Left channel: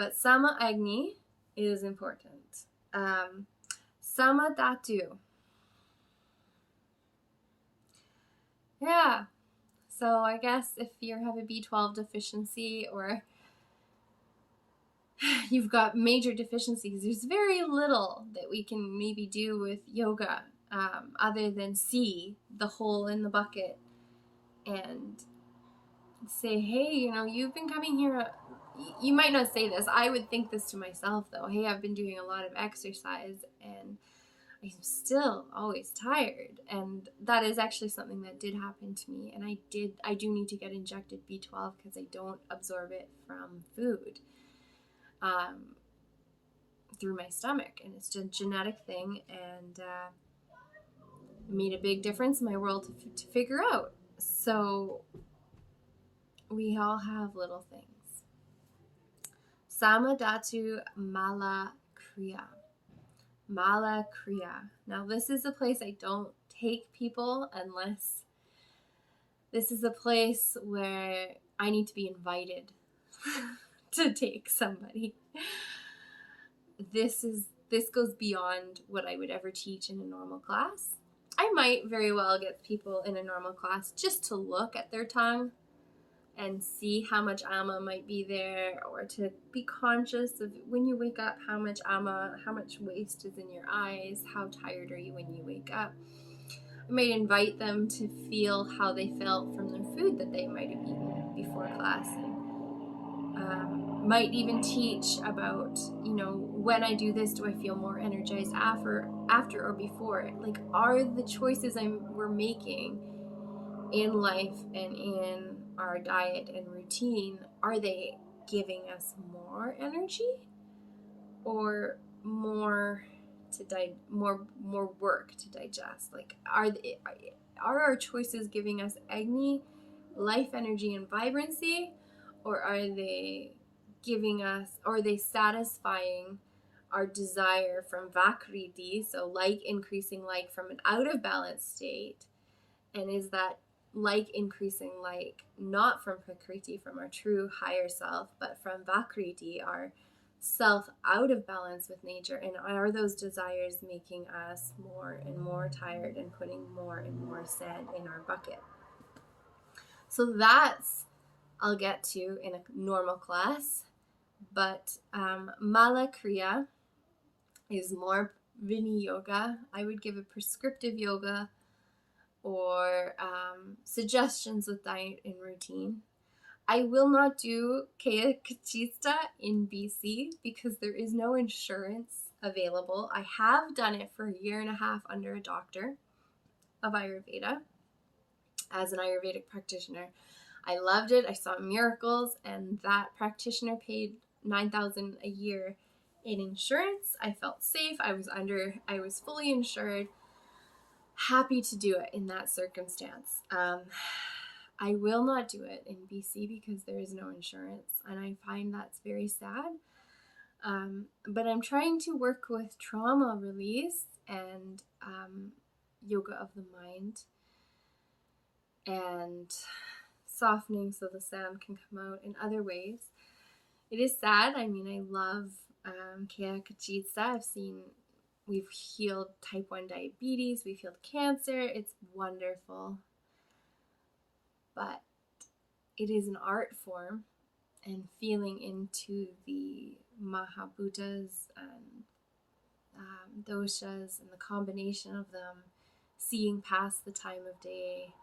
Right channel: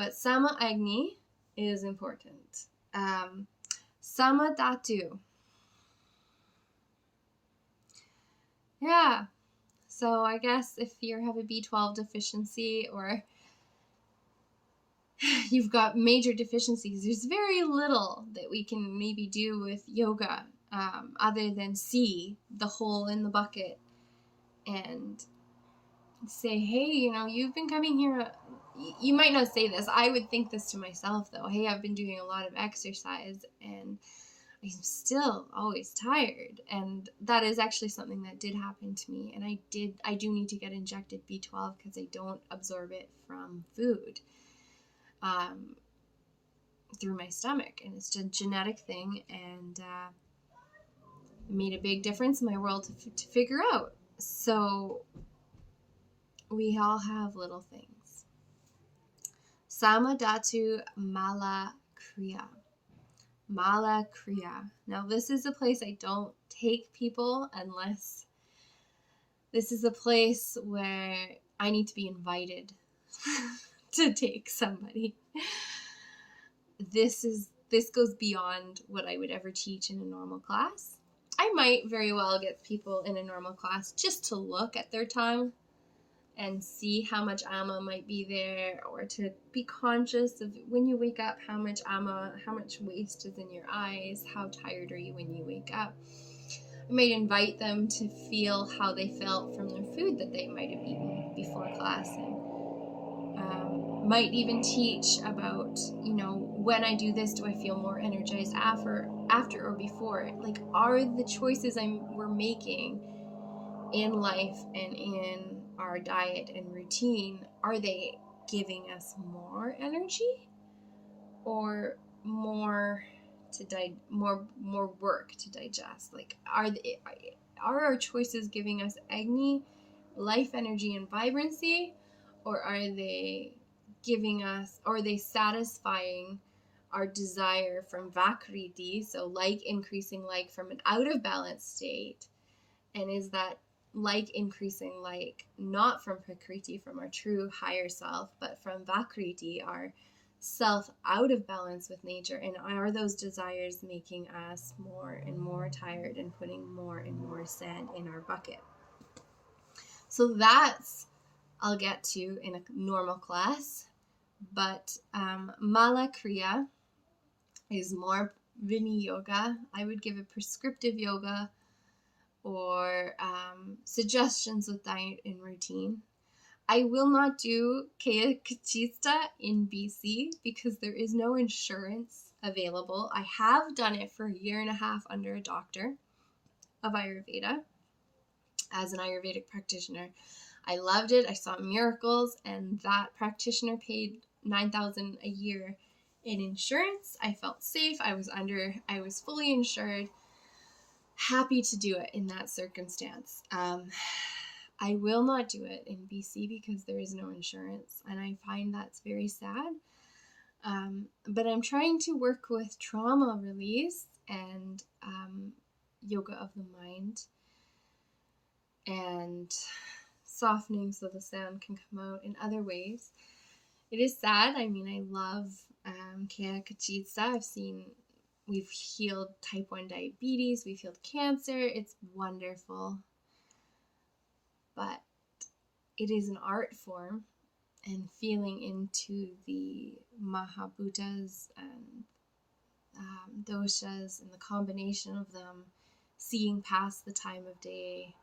But Sama Agni is important. Sama Dhatu. Yeah. So I guess if you have a B12 deficiency or you've got major deficiencies, there's very little that we can maybe do with yoga other than see the hole in the bucket and say, hey, you've been coming here. You might not say this. I would think this to myself, though. Hey, I've been doing a lot of exercise and I'm still always tired. And that is actually something that did happen to me. And I do need to get injected B12 because I don't absorb it from food through my stomach. And it's a genetic thing, and made a big difference in my world to figure out. So we all have little things. Sama Dhatu Mala Kriya. Mala Kriya. Now, this is a place I don't take people unless this is a place where I need to be invited to take somebody. This goes beyond what I would ever teach in a normal class. I might very well get people in a normal class just to look at their tongue and see how much ama might be there, or to be conscious of when you wake up, how much ama, how much waste is in your eyes, how tired are you when you wake up. I might invite them to feel how they felt from their food that they might have eaten before class, and might even teach about, when I do this, do I feel more energized after or before? Like, are the choices we're making in life and in our diet and routine, are they giving us more energy or more more work to digest? Like, are our choices giving us Agni, life energy and vibrancy, or are they giving us, or are they satisfying our desire from Vakriti, so like increasing like from an out of balance state? And is that like increasing like not from Prakriti, from our true higher self, but from Vakriti, our self out of balance with nature? And are those desires making us more and more tired and putting more and more sand in our bucket? So that's, I'll get to in a normal class. But Mala Kriya is more Vini Yoga. I would give a prescriptive yoga or suggestions with diet and routine. I will not do Kaya Kachista in BC because there is no insurance available. I have done it for 1.5 years under a doctor of Ayurveda as an Ayurvedic practitioner. I loved it. I saw miracles, and that practitioner paid $9,000 a year in insurance. I felt safe. I was fully insured. Happy to do it in that circumstance. I will not do it in BC because there is no insurance, and I find that's very sad. But I'm trying to work with trauma release and yoga of the mind and softening so the sound can come out in other ways. It is sad. I mean, I love Kaya Kachitsa. We've healed type 1 diabetes, we've healed cancer. It's wonderful. But it is an art form, and feeling into the Mahabhutas and doshas and the combination of them, seeing past the time of day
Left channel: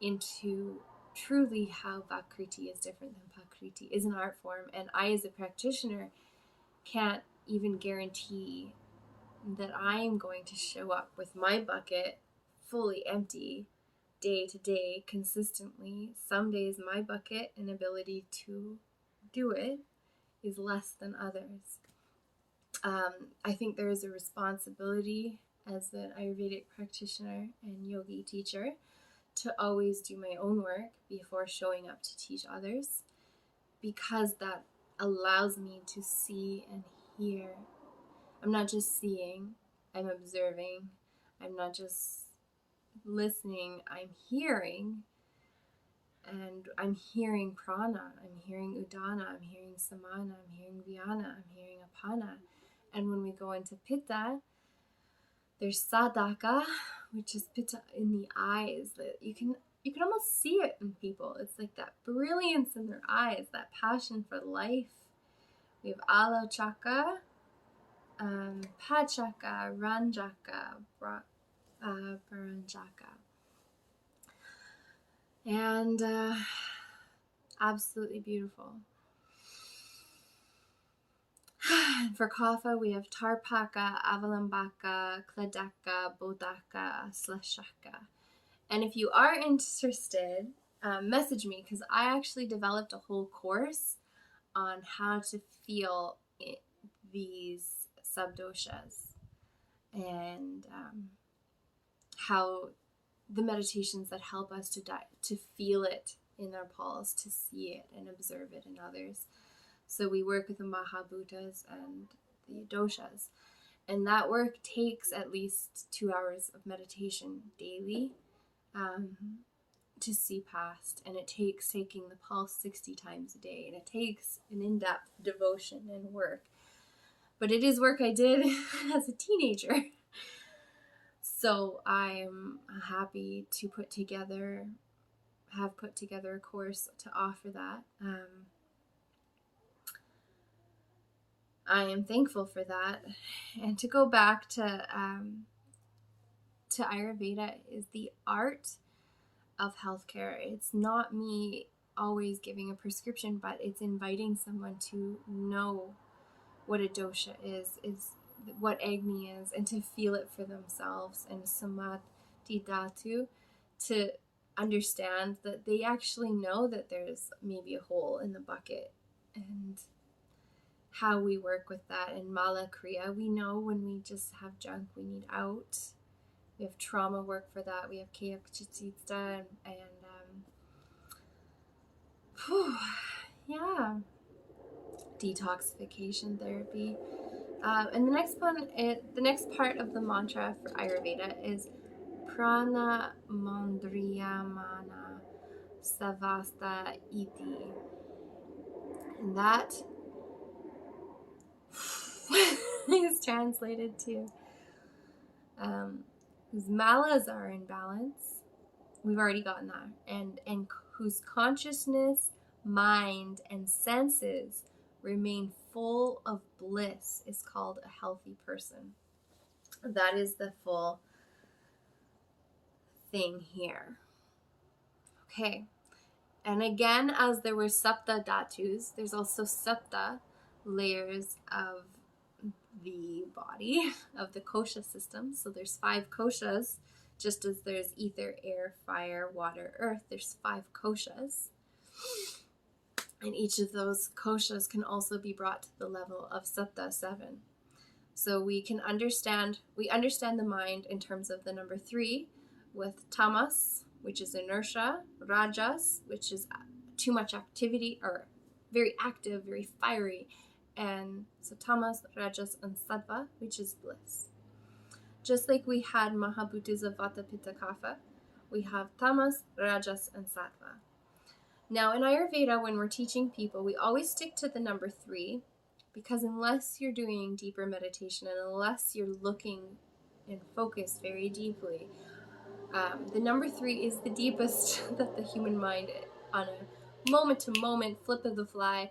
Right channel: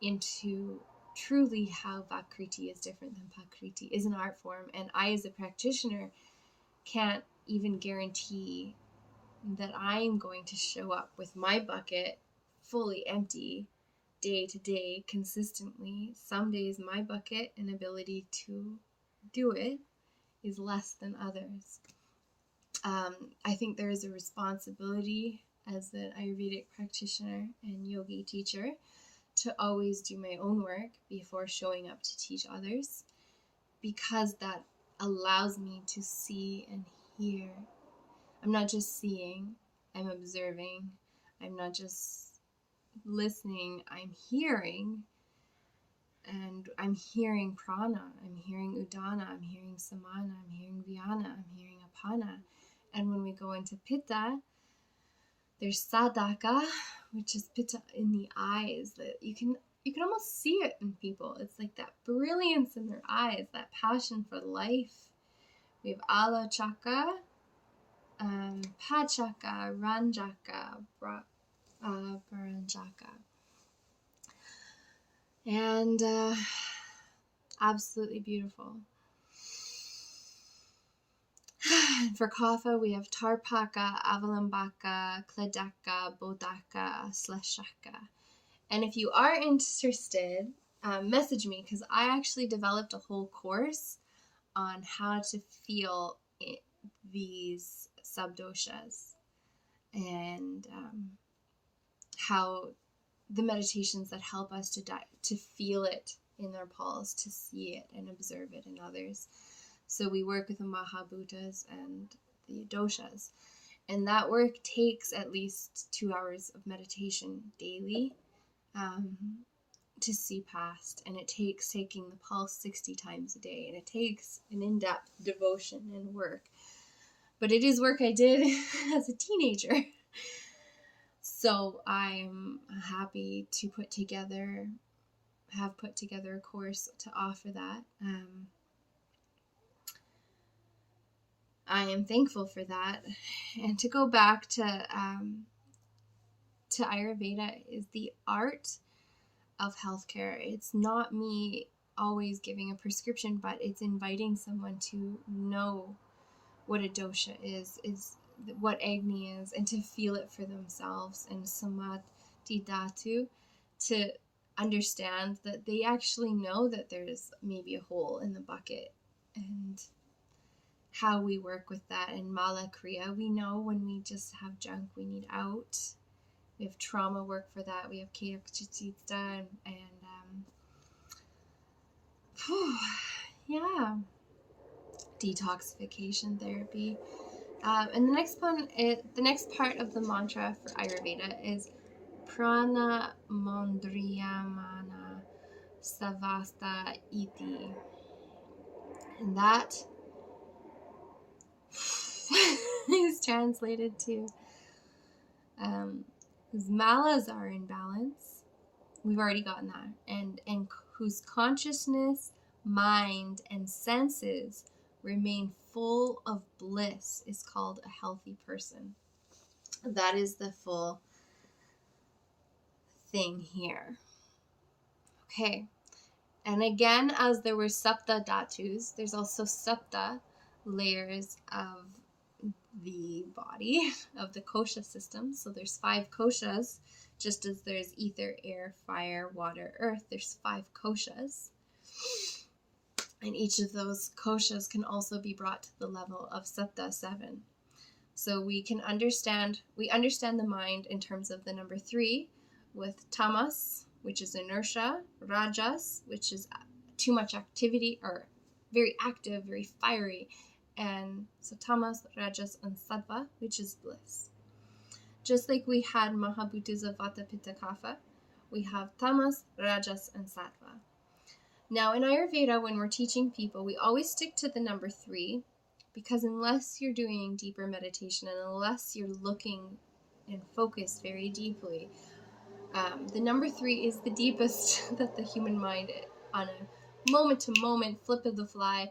into truly how Vakriti is different than Prakriti, is an art form. And I, as a practitioner, can't even guarantee that I'm going to show up with my bucket fully empty day to day consistently. Some days my bucket and ability to do it is less than others. I think there is a responsibility as an Ayurvedic practitioner and yogi teacher to always do my own work before showing up to teach others, because that allows me to see and hear. I'm not just seeing, I'm observing. I'm not just listening, I'm hearing. And I'm hearing prana, I'm hearing udana, I'm hearing samana, I'm hearing vyana, I'm hearing apana. And when we go into pitta, there's sadaka, which is pitta in the eyes. That you can almost see it in people. It's like that brilliance in their eyes, that passion for life. We have ala chaka, pachaka, ranjaka, baranjaka. And absolutely beautiful. For kapha, we have tarpaka, avalambaka, kladaka, bodaka, slashaka. And if you are interested, message me, because I actually developed a whole course on how to feel these subdoshas and how the meditations that help us to feel it in our pulse, to see it and observe it in others. So we work with the Mahabhutas and the doshas, and that work takes at least 2 hours of meditation daily to see past, and it takes taking the pulse 60 times a day, and it takes an in-depth devotion and work. But it is work I did as a teenager. So I'm happy to have put together a course to offer that. I am thankful for that. And to go back to Ayurveda is the art of healthcare. It's not me always giving a prescription, but it's inviting someone to know what a dosha is what Agni is, and to feel it for themselves, and Samadhi Dhatu, to understand that they actually know that there's maybe a hole in the bucket, and how we work with that. And Mala Kriya, we know when we just have junk we need out. We have trauma work for that. We have Kayak Chitita and detoxification therapy. And the next part of the mantra for Ayurveda is Prana Mandriyamana Savasta Iti. And that is translated to whose malas are in balance. We've already gotten that. And whose consciousness, mind, and senses remain full of bliss is called a healthy person. That is the full thing here. Okay. And again, as there were sapta dhatus, there's also sapta layers of the body, of the kosha system. So there's 5 koshas, just as there's ether, air, fire, water, earth. There's 5 koshas. And each of those koshas can also be brought to the level of sapta 7. So we understand the mind in terms of the number 3 with tamas, which is inertia, rajas, which is too much activity, or very active, very fiery, and so tamas, rajas, and sattva, which is bliss. Just like we had Mahabhutas of Vata, Pitta, Kapha, we have tamas, rajas, and sattva. Now in Ayurveda, when we're teaching people, we always stick to the number 3, because unless you're doing deeper meditation and unless you're looking and focused very deeply, the number 3 is the deepest that the human mind, on a moment-to-moment, flip of the fly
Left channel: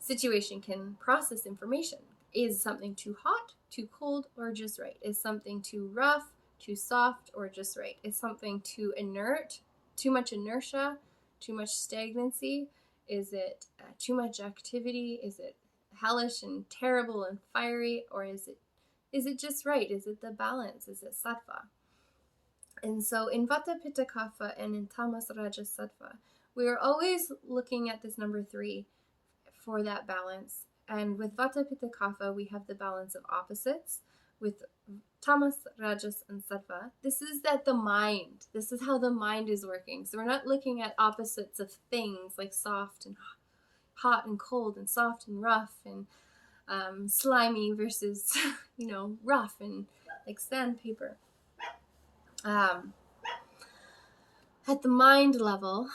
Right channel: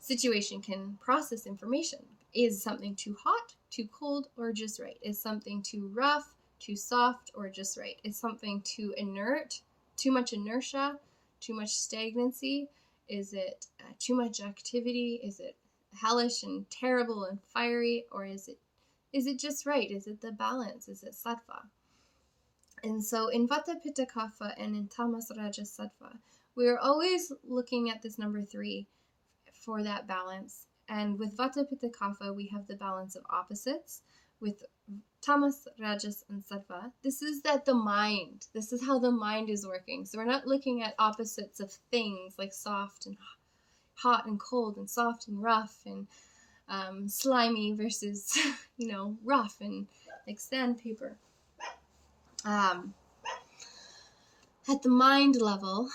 situation, can process information. Is something too hot, too cold, or just right? Is something too rough, too soft, or just right? Is something too inert, too much inertia, too much stagnancy? Is it too much activity? Is it hellish and terrible and fiery, or is it just right? Is it the balance? Is it sattva? And so in Vata, Pitta, Kapha, and in Tamas, Rajas, Sattva, we are always looking at this number 3 for that balance. And with Vata, Pitta, Kapha, we have the balance of opposites. With Tamas, Rajas, and Sattva, this is how the mind is working. So we're not looking at opposites of things like soft and hot and cold, and soft and rough, and slimy versus, rough and like sandpaper. At the mind level,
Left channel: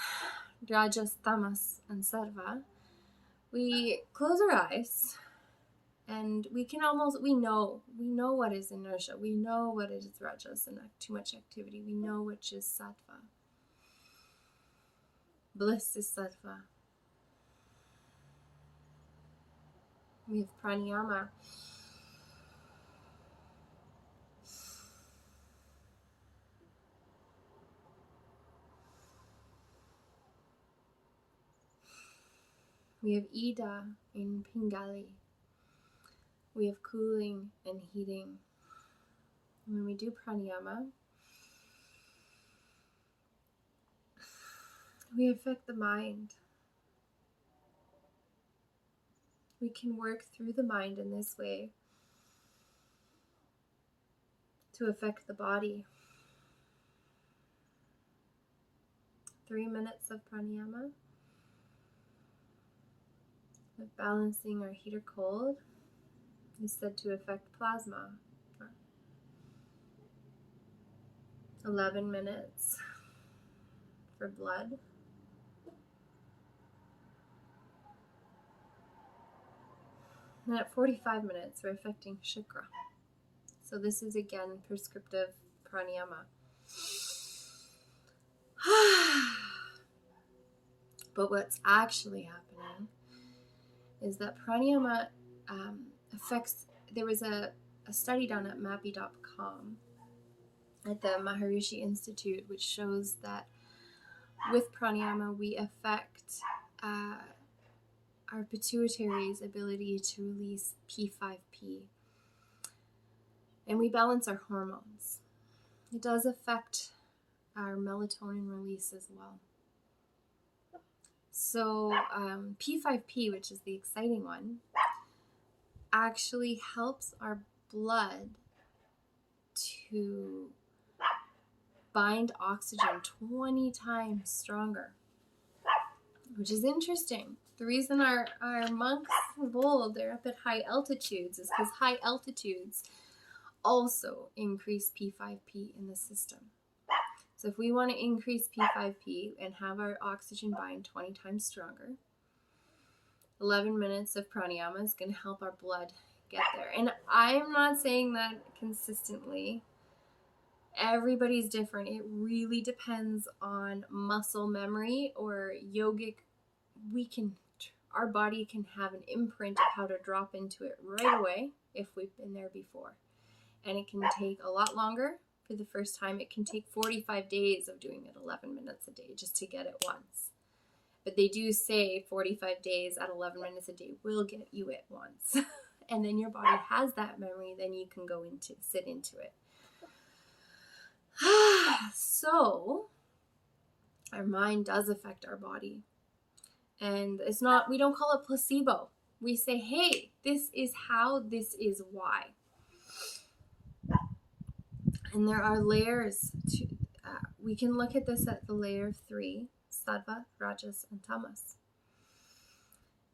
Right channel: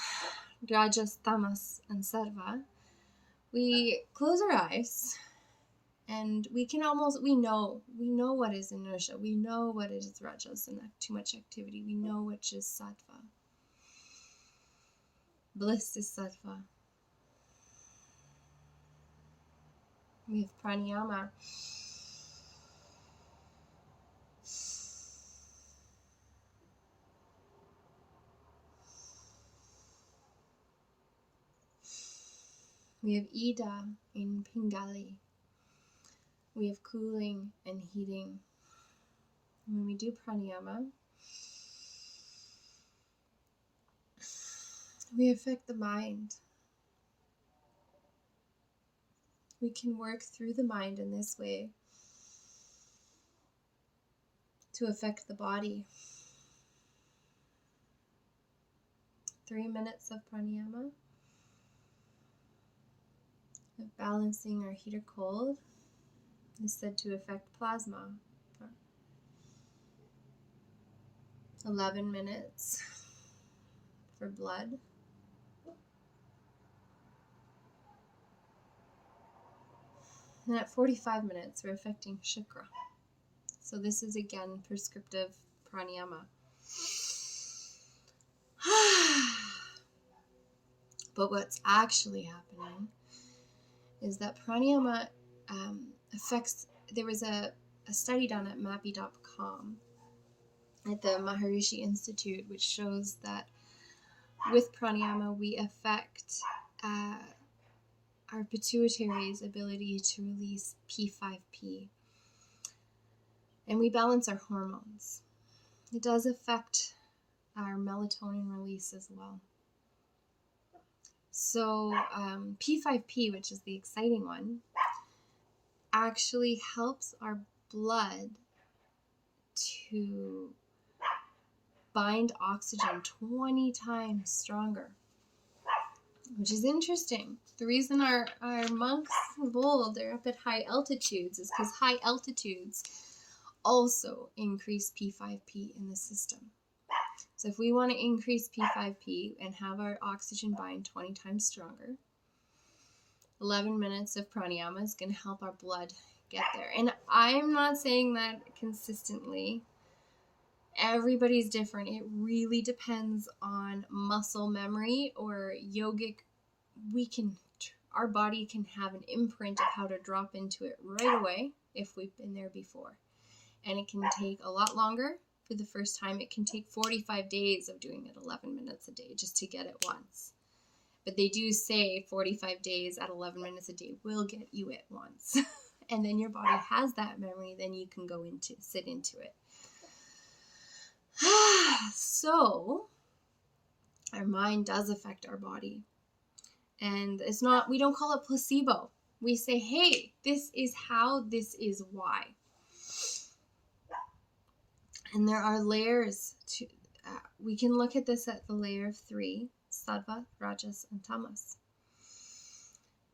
Rajas, Tamas, and Sattva, we close our eyes and we know what is inertia. We know what is Rajas and too much activity. We know which is Sattva. Bliss is Sattva. We have pranayama. We have Ida in Pingali. We have cooling and heating. When we do pranayama, we affect the mind. We can work through the mind in this way to affect the body. 3 minutes of pranayama, of balancing our heat or cold, is said to affect plasma. 11 minutes for blood. And at 45 minutes, we're affecting Shukra. So this is again prescriptive pranayama. But what's actually happening is that pranayama affects, there was a study done at MAPI.com at the Maharishi Institute, which shows that with pranayama we affect our pituitary's ability to release P5P, and we balance our hormones. It does affect our melatonin release as well. So P5P, which is the exciting one, actually helps our blood to bind oxygen 20 times stronger, which is interesting. The reason our monks of old, they're up at high altitudes, is because high altitudes also increase P5P in the system. So if we want to increase P5P and have our oxygen bind 20 times stronger, 11 minutes of pranayama is going to help our blood get there. And I'm not saying that consistently. Everybody's different. It really depends on muscle memory or yogic. Our body can have an imprint of how to drop into it right away if we've been there before. And it can take a lot longer. For the first time, it can take 45 days of doing it 11 minutes a day just to get it once. But they do say 45 days at 11 minutes a day will get you it once. And then your body has that memory, then you can sit into it. So, our mind does affect our body. And we don't call it placebo. We say, hey, this is how, this is why. And there are layers to, we can look at this at the layer of 3, Sattva, Rajas, and Tamas.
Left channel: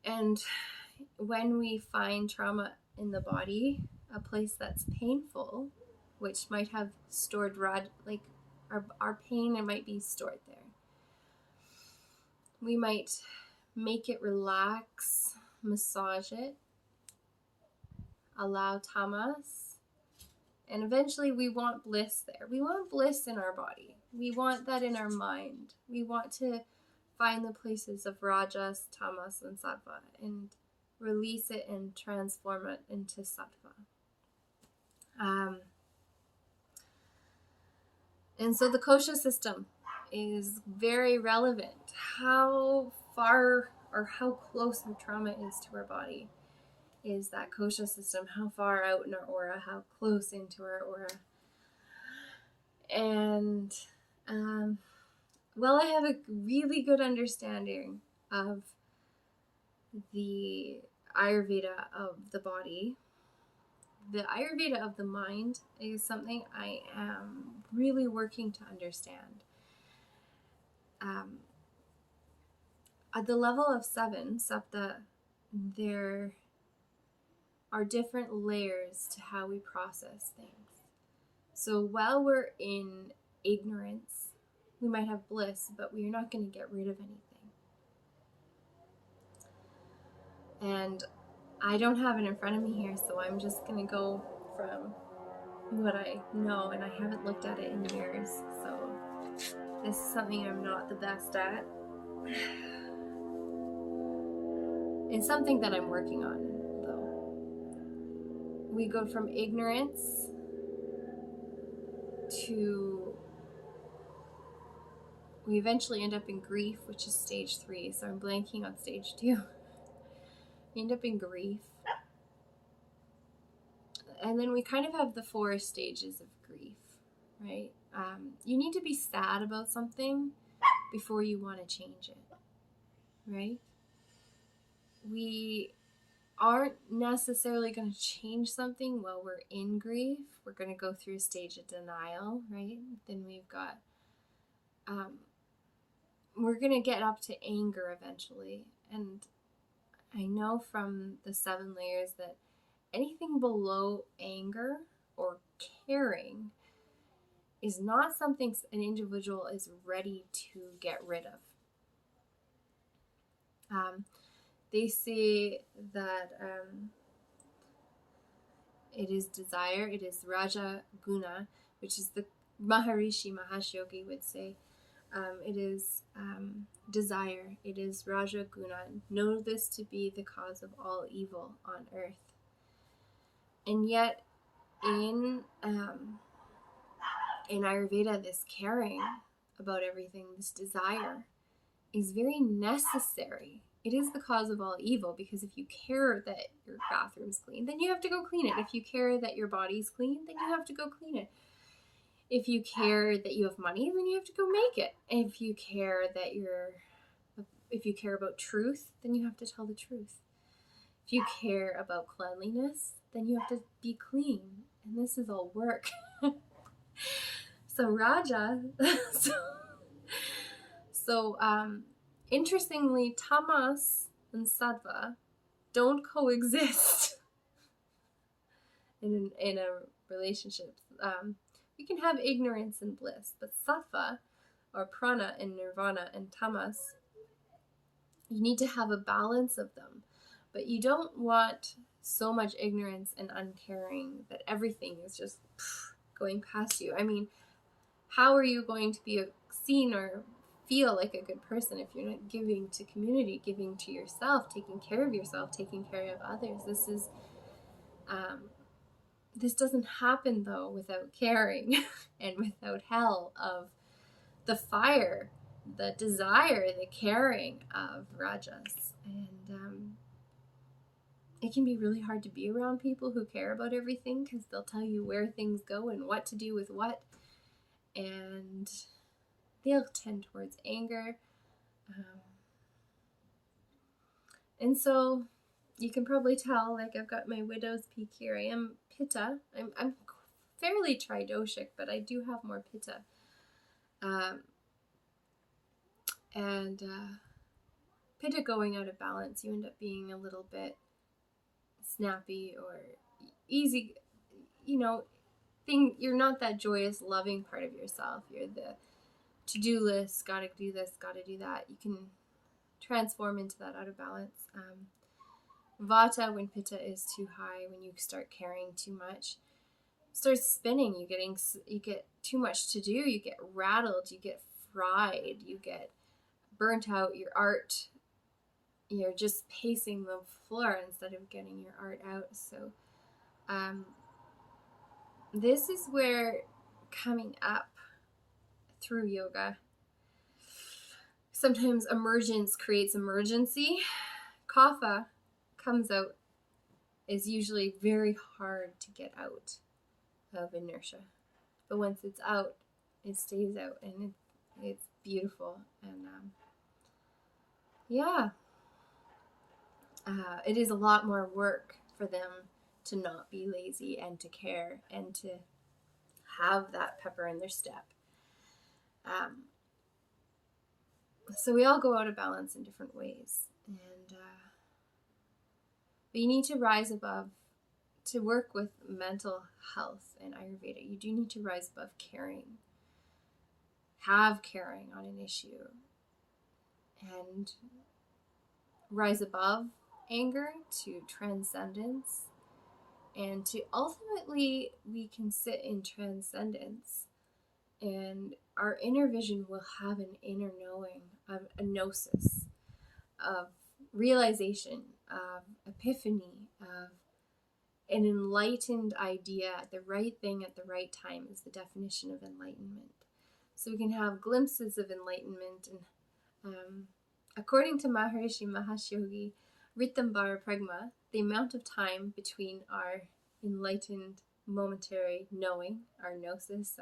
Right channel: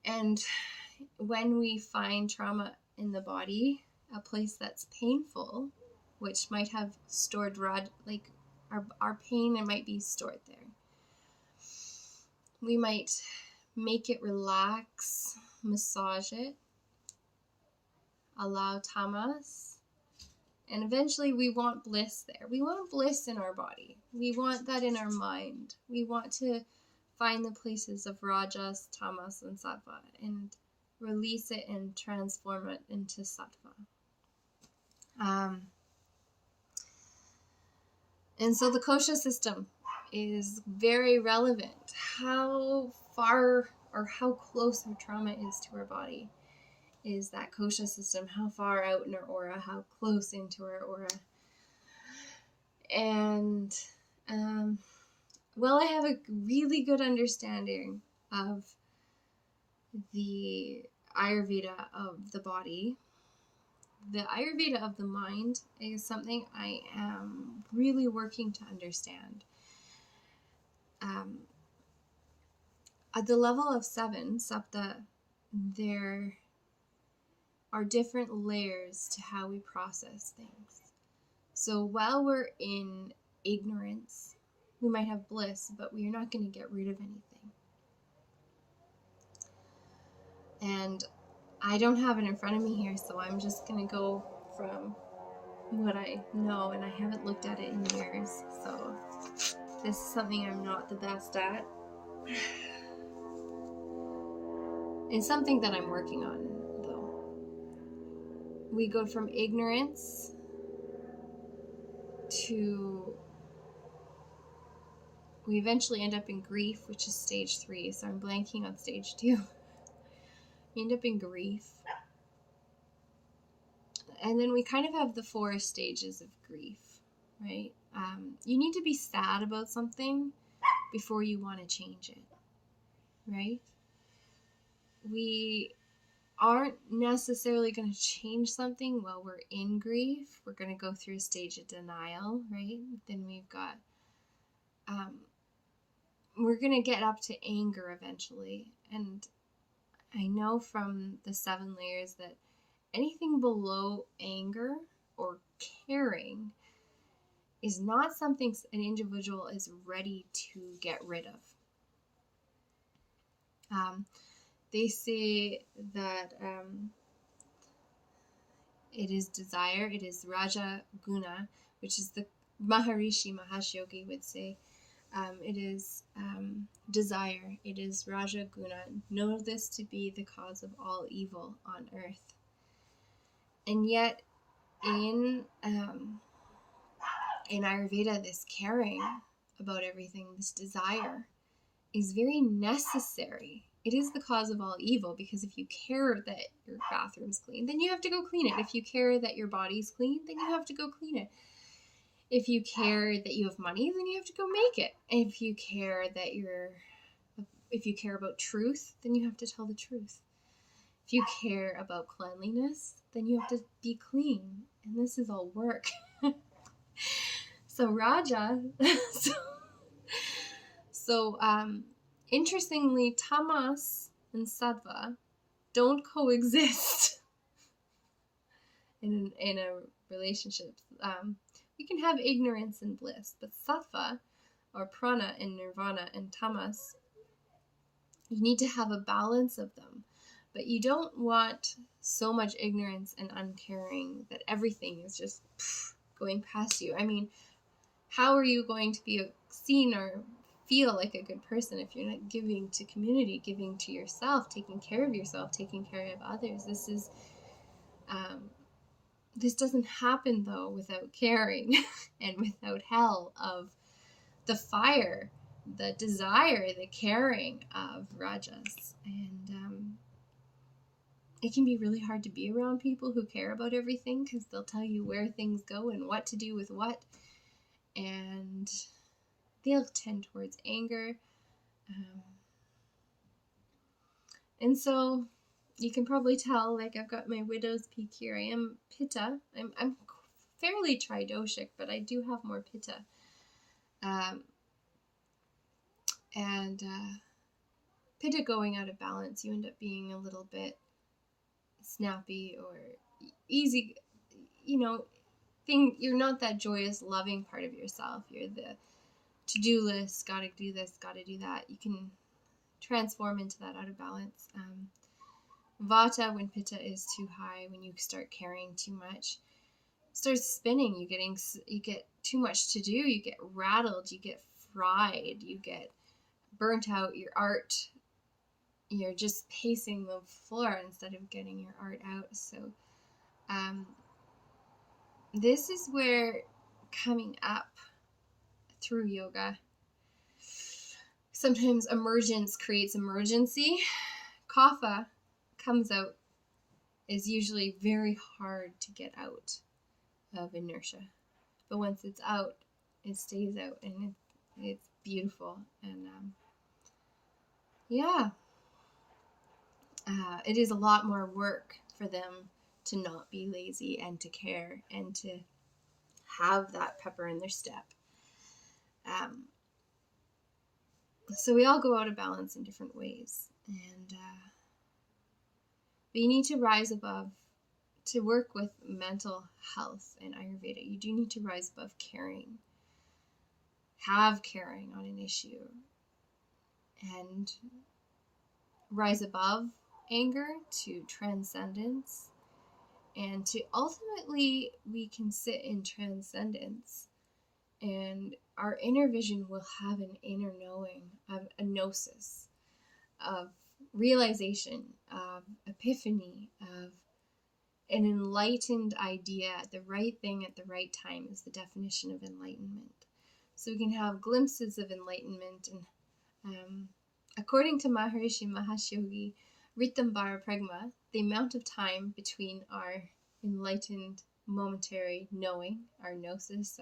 And when we find trauma in the body, a place that's painful, which might have stored our pain, it might be stored there. We might make it relax, massage it, allow tamas, and eventually we want bliss there. We want bliss in our body. We want that in our mind. We want to find the places of rajas, tamas, and sattva and release it and transform it into sattva. And so the kosha system is very relevant. How far or how close our trauma is to our body is that kosha system. How far out in our aura, how close into our aura. And I have a really good understanding of the Ayurveda of the body. The Ayurveda of the mind is something I am really working to understand. At the level of 7, Sapta, there are different layers to how we process things. So while we're in ignorance, we might have bliss, but we're not going to get rid of anything. And I don't have it in front of me here, so I'm just going to go from what I know, and I haven't looked at it in years, so this is something I'm not the best at. It's something that I'm working on, though. We go from ignorance to, we eventually end up in grief, which is stage 3, so I'm blanking on stage 2. We end up in grief. And then we kind of have the 4 stages of grief, right? You need to be sad about something before you want to change it, right? We aren't necessarily going to change something while we're in grief. We're going to go through a stage of denial, right? Then we've got, we're going to get up to anger eventually. And I know from the 7 layers that anything below anger or caring is not something an individual is ready to get rid of. They say that it is desire, it is Raja Guna, which is the Maharishi Mahesh Yogi would say. It is desire, it is Raja Guna. Know this to be the cause of all evil on earth. And yet, in Ayurveda, this caring about everything, this desire, is very necessary. It is the cause of all evil, because if you care that your bathroom's clean, then you have to go clean it. If you care that your body's clean, then you have to go clean it. If you care that you have money, then you have to go make it. If you care about truth, then you have to tell the truth. If you care about cleanliness, then you have to be clean. And this is all work. So Raja, interestingly, tamas and sattva don't coexist in a relationship. You can have ignorance and bliss, but sattva, or prana and nirvana, and tamas, you need to have a balance of them. But you don't want so much ignorance and uncaring that everything is just going past you. I mean, how are you going to be seen or feel like a good person if you're not giving to community, giving to yourself, taking care of yourself, taking care of others? This doesn't happen, though, without caring and without hell of the fire, the desire, the caring of rajas. And it can be really hard to be around people who care about everything, because they'll tell you where things go and what to do with what. And they'll tend towards anger. And so you can probably tell, like, I've got my widow's peak here. I am pitta. I'm fairly tridoshic, but I do have more pitta. Pitta going out of balance, you end up being a little bit snappy or easy, you're not that joyous, loving part of yourself. You're the to-do list, gotta do this, gotta do that. You can transform into that out of balance. Vata, when pitta is too high, when you start caring too much, starts spinning. You get too much to do. You get rattled. You get fried. You get burnt out. Your art, you're just pacing the floor instead of getting your art out. So this is where coming up through yoga, sometimes emergence creates emergency. Kapha comes out, is usually very hard to get out of inertia. But once it's out, it stays out, and it's beautiful. And it is a lot more work for them to not be lazy and to care and to have that pepper in their step. So we all go out of balance in different ways. And but you need to rise above. To work with mental health in Ayurveda, you do need to rise above caring. Have caring on an issue. And rise above anger to transcendence, and to ultimately we can sit in transcendence, and our inner vision will have an inner knowing of a gnosis, of realization, of epiphany, of an enlightened idea. The right thing at the right time is the definition of enlightenment. So we can have glimpses of enlightenment. And according to Maharishi Mahesh Yogi Ritambhara Pragma, the amount of time between our enlightened momentary knowing, our gnosis,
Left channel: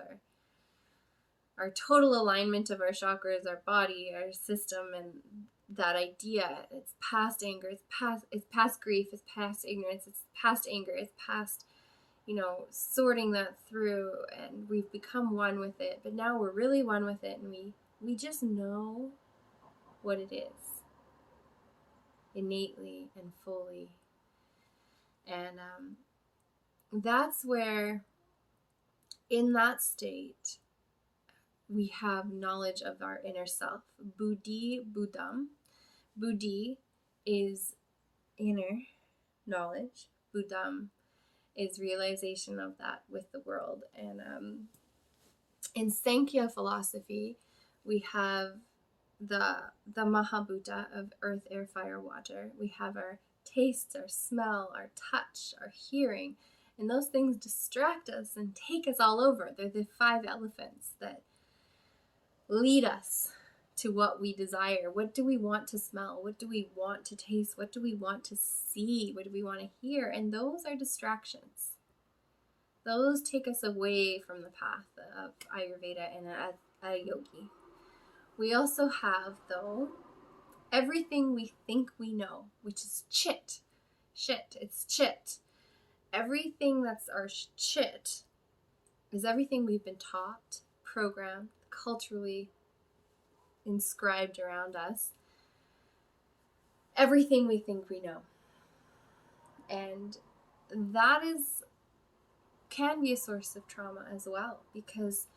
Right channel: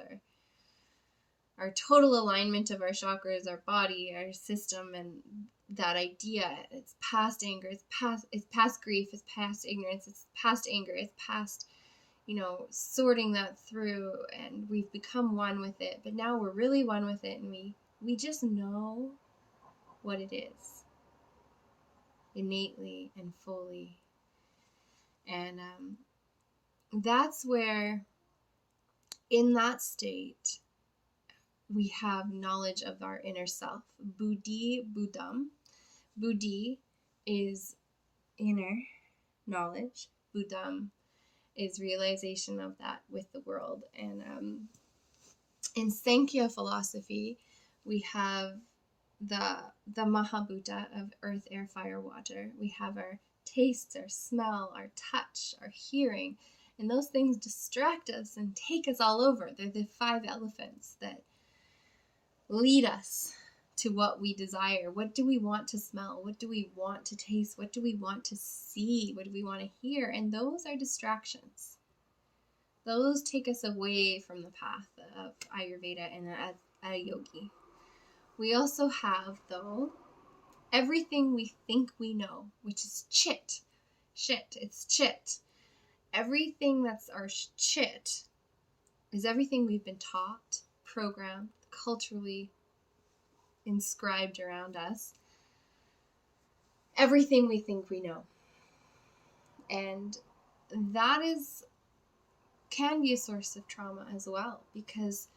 our total alignment of our chakras, our body, our system, and that idea, it's past anger, it's past grief, it's past ignorance, it's past anger, it's past, sorting that through, and we've become one with it. But now we're really one with it, and we just know what it is innately and fully. And that's where, in that state, we have knowledge of our inner self. Buddhi, Buddham. Buddhi is inner knowledge. Buddham is realization of that with the world. And in Sankhya philosophy, we have the Mahabhuta of earth, air, fire, water. We have our taste, our smell, our touch, our hearing. And those things distract us and take us all over. They're the 5 elephants that lead us to what we desire. What do we want to smell? What do we want to taste? What do we want to see? What do we want to hear? And those are distractions. Those take us away from the path of Ayurveda and a yogi. We also have, though, everything we think we know, which is chit. It's chit. Everything that's our chit is everything we've been taught, programmed, culturally inscribed around us. Everything we think we know. And that can be a source of trauma as well, because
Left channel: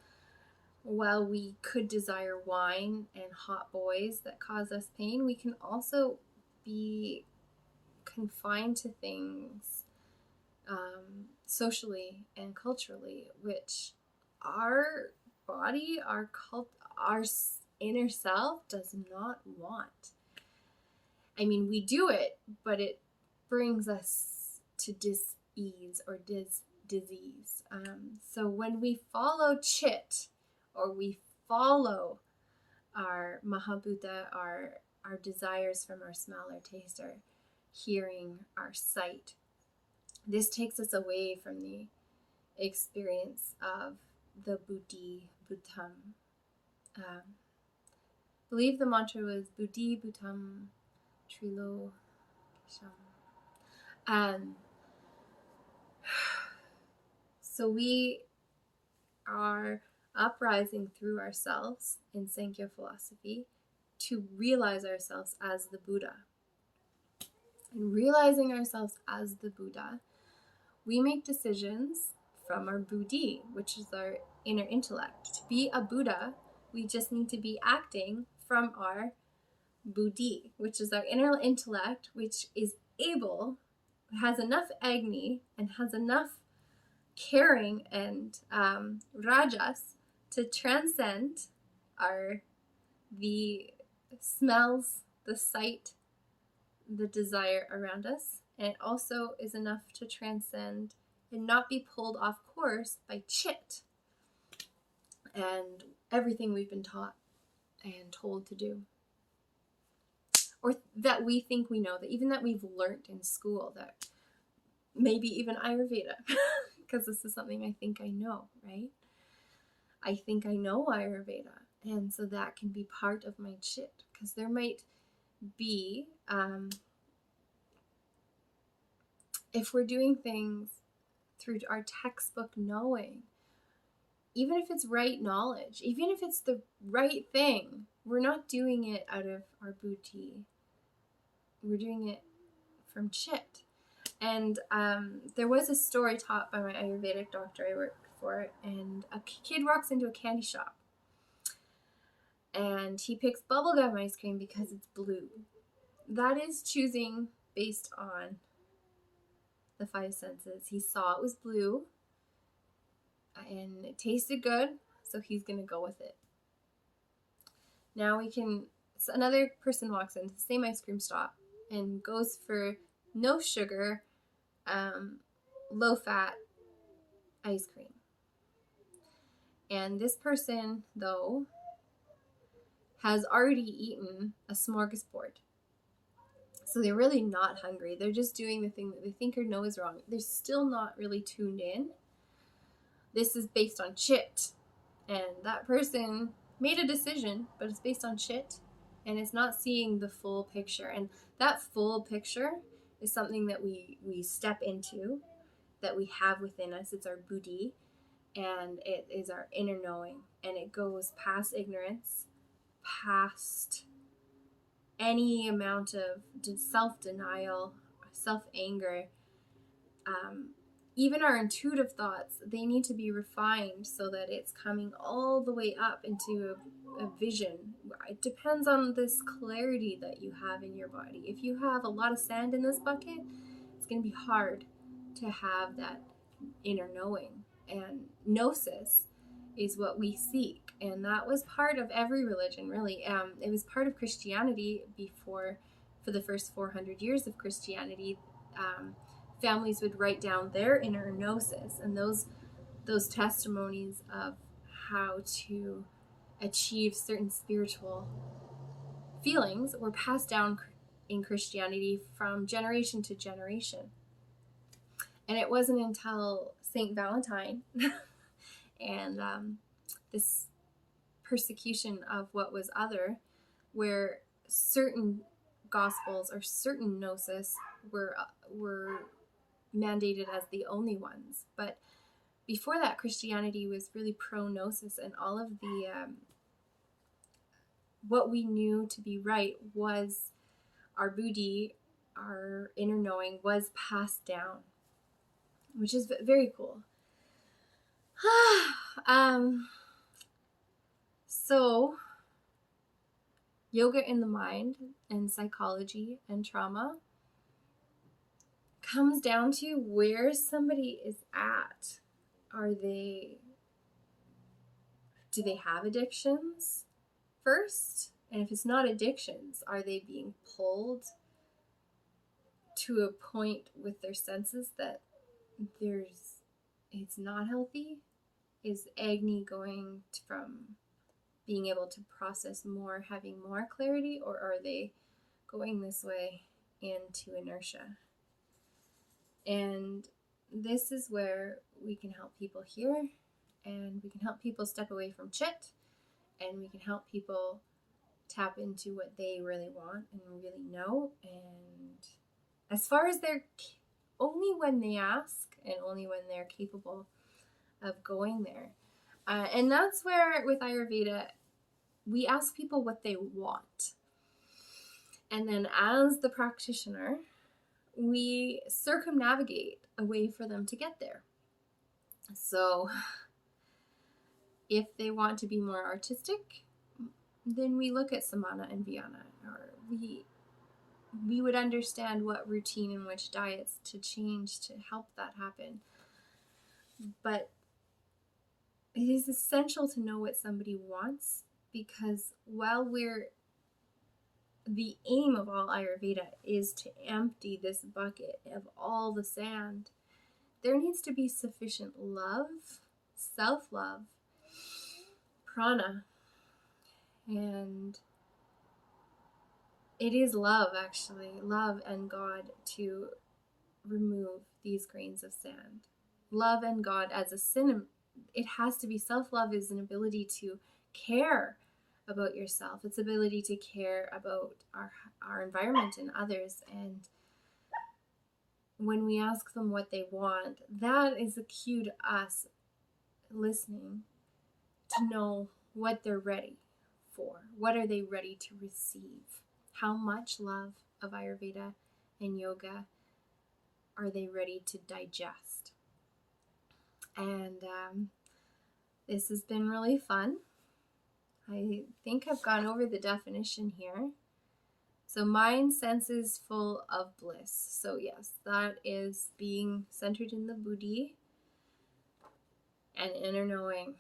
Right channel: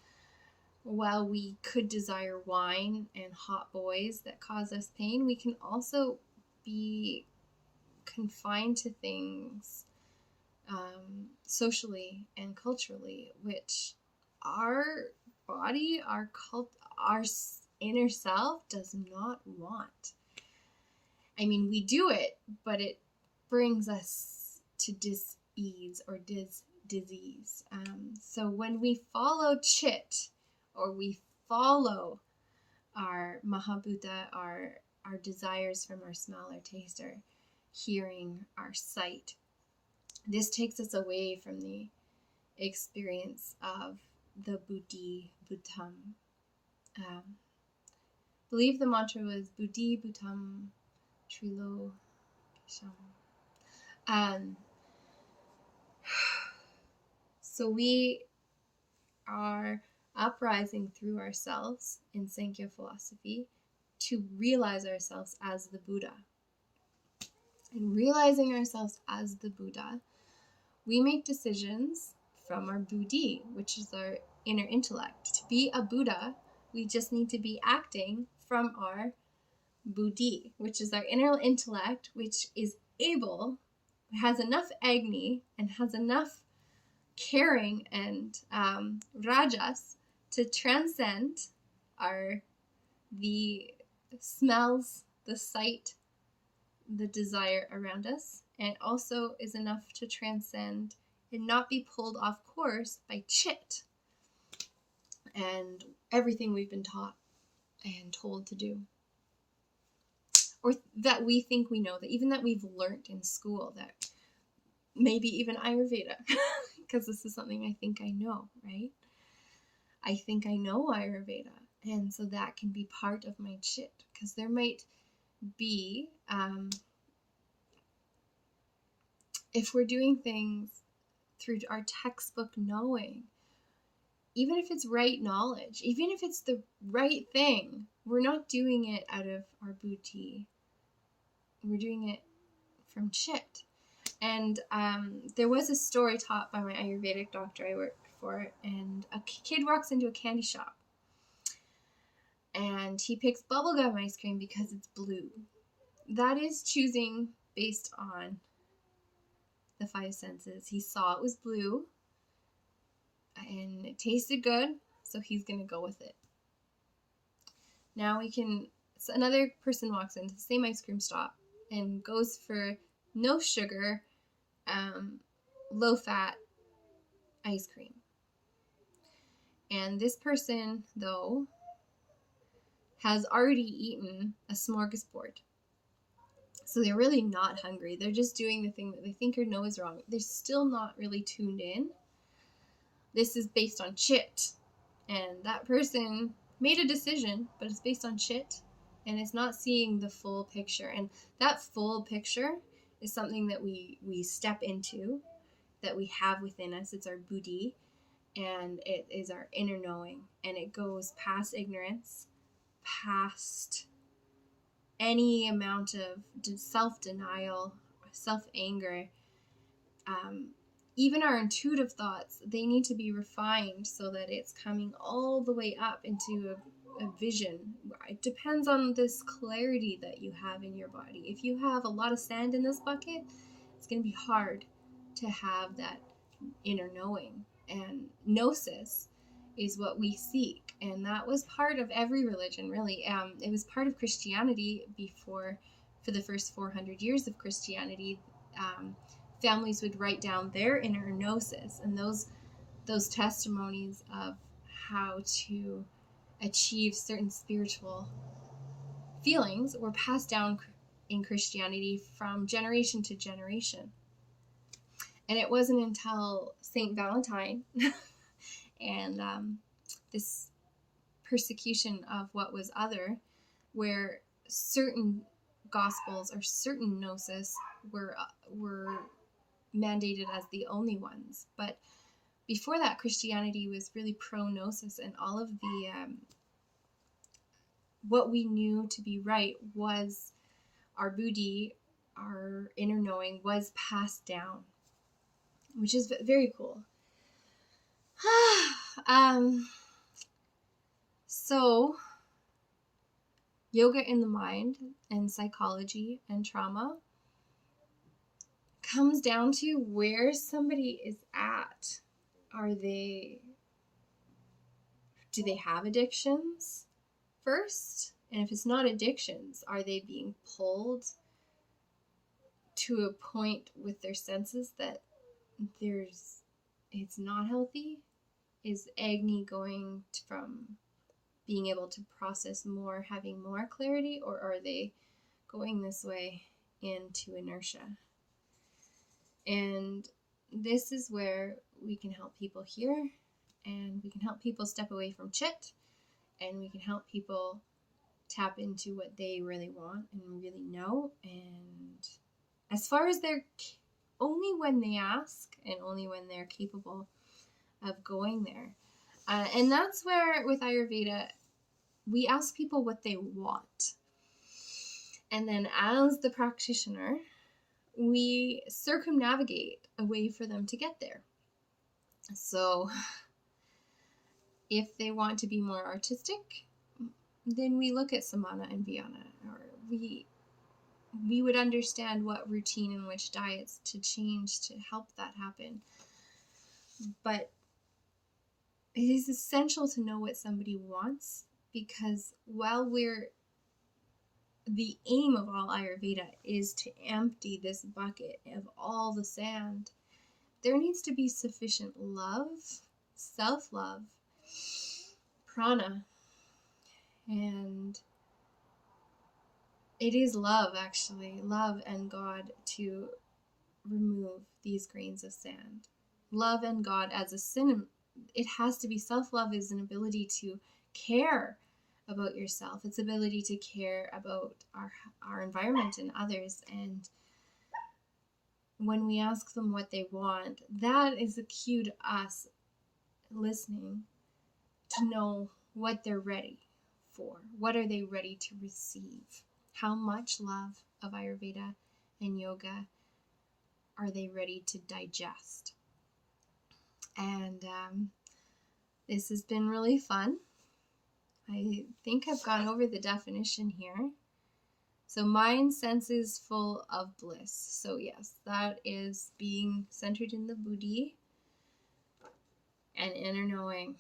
while we could desire wine and hot boys that cause us pain, we can also be confined to things socially and culturally, which our body, our inner self does not want. I mean, we do it, but it brings us to dis-ease or disease. So when we follow chit, or we follow our Mahabhuta, our desires from our smell, our taste, our hearing, our sight, this takes us away from the experience of the Buddhi, Bhutam. I believe the mantra was Buddhi, Bhutam, Trilo, Kisham. So we are uprising through ourselves in Sankhya philosophy to realize ourselves as the Buddha. And realizing ourselves as the Buddha, we make decisions from our buddhi, which is our inner intellect. To be a Buddha, we just need to be acting from our buddhi, which is our inner intellect, which is has enough agni and has enough caring and rajas to transcend the smells, the sight, the desire around us, and also is enough to transcend and not be pulled off course by chit and everything we've been taught and told to do, or that we think we know, that we've learned in school, that maybe even Ayurveda, because this is something I think I know, right? I think I know Ayurveda, and so that can be part of my chit, because there might be, if we're doing things through our textbook knowing, even if it's right knowledge, even if it's the right thing, we're not doing it out of our buddhi. We're doing it from chit. And there was a story taught by my Ayurvedic doctor I worked for, and a kid walks into a candy shop and he picks bubblegum ice cream because it's blue. That is choosing based on the five senses. He saw it was blue and it tasted good, so he's going to go with it. Now so another person walks into the same ice cream shop and goes for no sugar, low fat ice cream. And this person, though, has already eaten a smorgasbord. So they're really not hungry. They're just doing the thing that they think or know is wrong. They're still not really tuned in. This is based on chit. And that person made a decision, but it's based on chit. And it's not seeing the full picture. And that full picture is something that we step into, that we have within us. It's our buddhi. And it is our inner knowing. And it goes past ignorance, past any amount of self-denial, self-anger. Even our intuitive thoughts, they need to be refined so that it's coming all the way up into a vision. It depends on this clarity that you have in your body. If you have a lot of sand in this bucket, it's going to be hard to have that inner knowing. And gnosis is what we seek, and that was part of every religion, really. It was part of Christianity for the first 400 years of Christianity. Families would write down their inner gnosis, and those testimonies of how to achieve certain spiritual feelings were passed down in Christianity from generation to generation. And it wasn't until Saint Valentine and this persecution of what was other, where certain gospels or certain gnosis were mandated as the only ones. But before that, Christianity was really pro-gnosis, and all of the what we knew to be right was our buddhi, our inner knowing, was passed down, which is very cool. So yoga in the mind and psychology and trauma comes down to where somebody is at. Do they have addictions first? And if it's not addictions, are they being pulled to a point with their senses that it's not healthy? Is Agni going from being able to process more, having more clarity, or are they going this way into inertia? And this is where we can help people here, and we can help people step away from chit, and we can help people tap into what they really want and really know. And as far as only when they ask and only when they're capable of going there. And that's where with Ayurveda, we ask people what they want. And then as the practitioner, we circumnavigate a way for them to get there. So if they want to be more artistic, then we look at Samana and Vyana, or we would understand what routine and which diets to change to help that happen. But it is essential to know what somebody wants, because the aim of all Ayurveda is to empty this bucket of all the sand, there needs to be sufficient love, self-love, prana, and it is love, actually, love and God, to remove these grains of sand. Love and God as a synonym. It has to be self-love is an ability to care about yourself. It's ability to care about our environment and others. And when we ask them what they want, that is a cue to us listening to know what they're ready for. What are they ready to receive? How much love of Ayurveda and yoga are they ready to digest? And this has been really fun. I think I've gone over the definition here. So mind, senses full of bliss. So yes, that is being centered in the buddhi and inner knowing.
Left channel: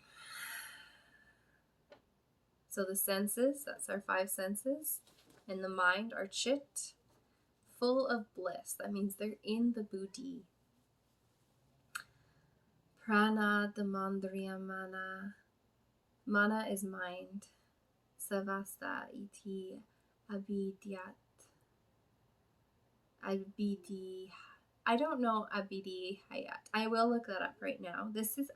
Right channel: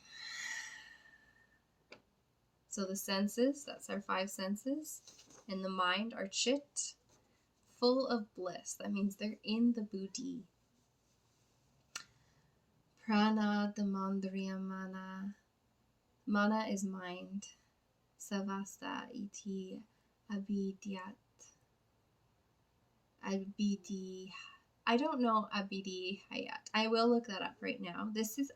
So the senses, that's our 5 senses, and the mind, our chit, full of bliss. That means they're in the buddhi. Prana, the mandriya mana. Mana is mind. Savasta iti abidyat. I don't know abidi hayat. I will look that up right now. This is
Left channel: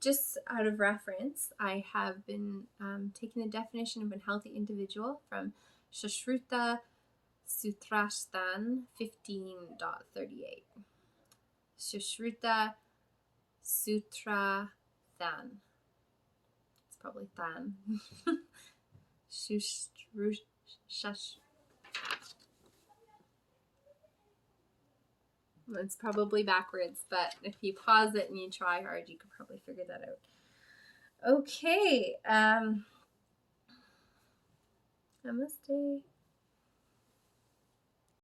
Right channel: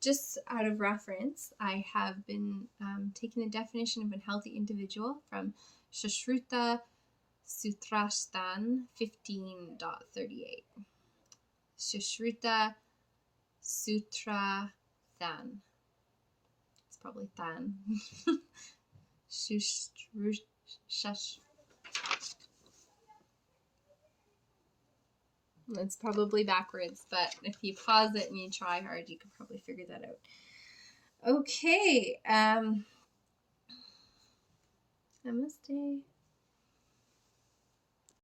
just out of reference. I have been taking the definition of a healthy individual from Sushruta Sutrastan 15.38. Sushruta Sutra Than. It's probably Than. It's probably backwards, but if you pause it and you try hard, you can probably figure that out. Okay. Namaste.